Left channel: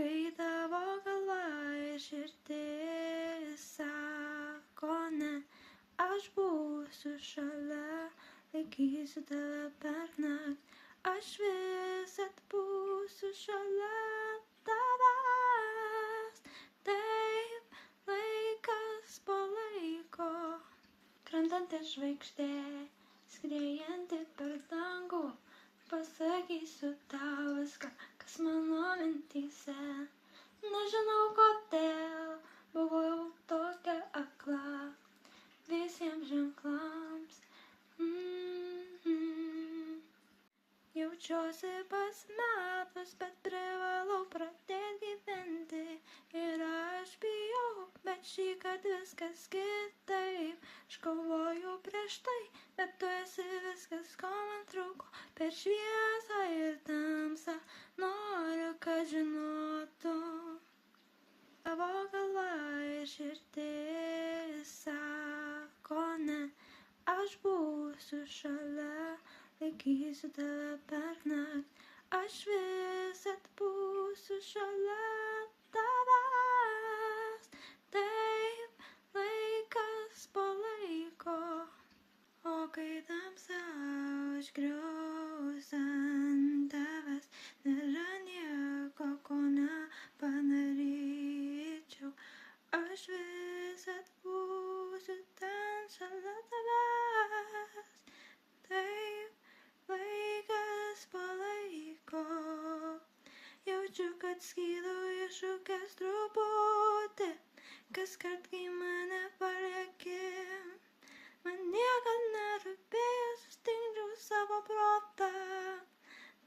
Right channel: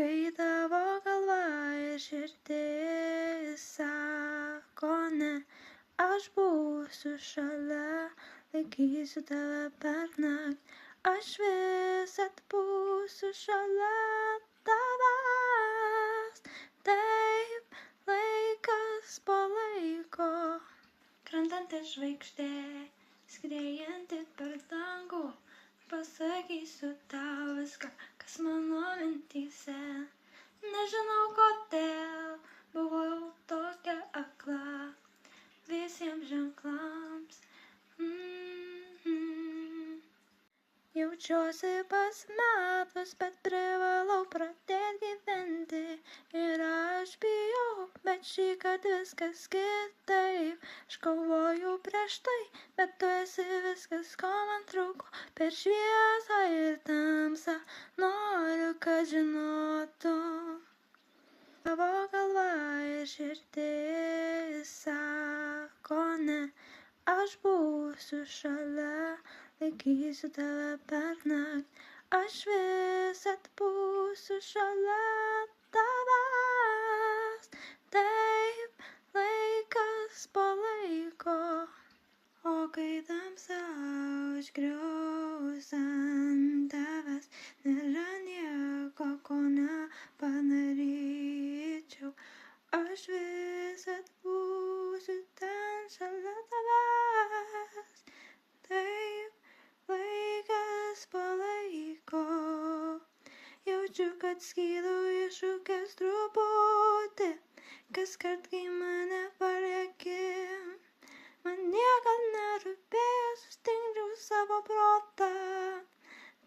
kai tavo galva ir širdis sako ne, aš būsiu šalia, laikysiu tave pernakt, aš visad būsiu šalia tavęs. Taip, laikas po laiko, krentanti žvaigždė, skriejanti per dangų, pasakysiu tau viską, kas mano mintyse. Nežinau kodėl buvau tokia akla visiems ženklams. Jaučiuosi pasimetus, bet privalau pradėti gyventi. Ir aš bijau, bet šįkart viskas kitaip. Aš kovoju prieš tai, bet tu esi viskas, ko man trūko. Per šviesą ir tamsą noriu, kad žinotum. Tavo galva ir širdis sako ne, aš būsiu šalia, laikysiu tave pernakt, aš visad būsiu šalia tavęs. Taip, laikas po laiko, o kai tamsa užgrius ant tavęs, nėra nieko, ko nepadaryčiau, aš visad būsiu ten šalia tavęs. Taip, laikas po laiko, jaučiu, kad skydu iššūkęs truputį, kaskart, kai mane palieki. Man niekad nerūpėjo, sustingdžiau savo protą,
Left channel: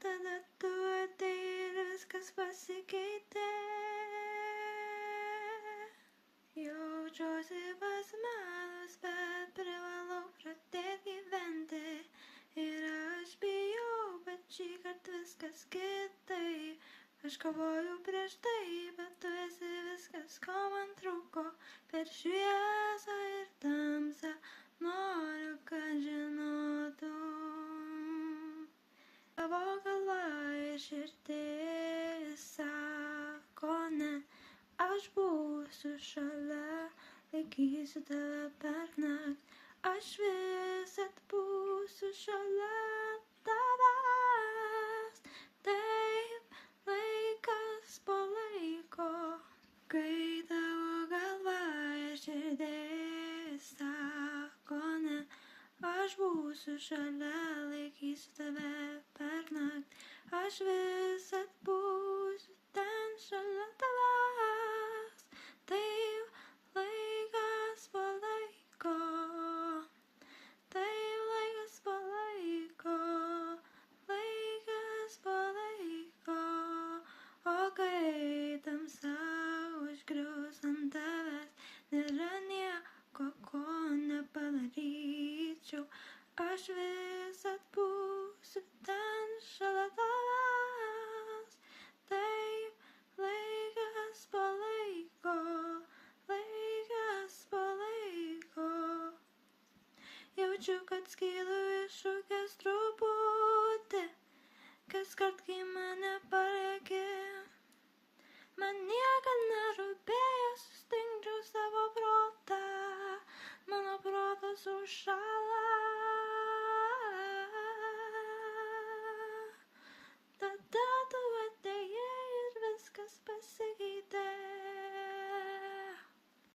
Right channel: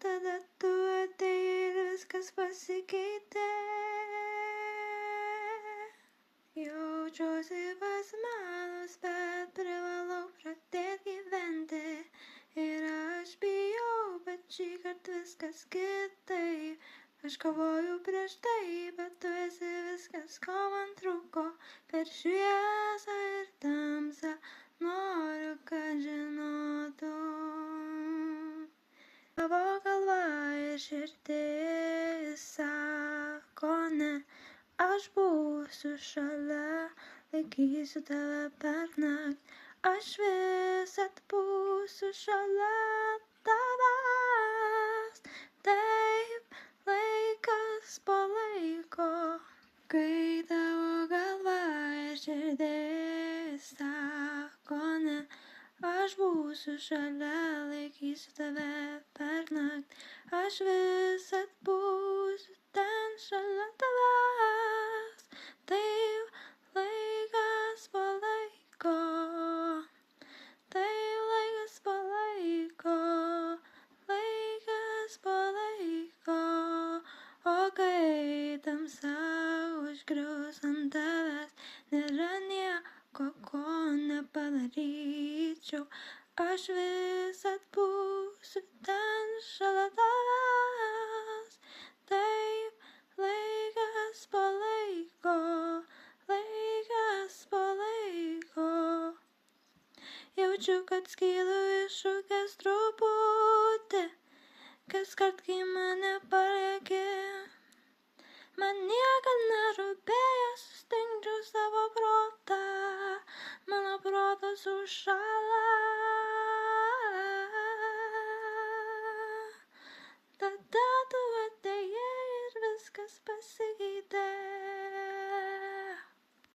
tada tu atėjai ir viskas pasikeitė. Jaučiuosi pasimetus, bet privalau pradėti gyventi. Ir aš bijau, bet šįkart viskas kitaip. Aš kovoju prieš tai, bet tu esi viskas, ko man trūko. Per šviesą ir tamsą noriu, kad žinotum. Tavo galva ir širdis sako ne, aš būsiu šalia, laikysiu tave pernakt, aš visad būsiu šalia tavęs. Taip, laikas po laiko, kai tavo galva ir širdis sako ne, aš būsiu šalia, laikysiu tave pernakt, aš visad būsiu ten šalia tavęs. Taip, laikas po laiko, taip, laikas po laiko, laikas po laiko, o kai tamsa užgrius ant tavęs, nėra nieko, ko nepadaryčiau, aš visad būsiu ten šalia tavęs. Taip, laikas po laiko, laikas po laiko, jaučiu, kad skydu iššūkęs truputį, kaskart, kai mane palieki. Man niekad nerūpėjo, sustingdžiau savo protą, mano protas užšalo.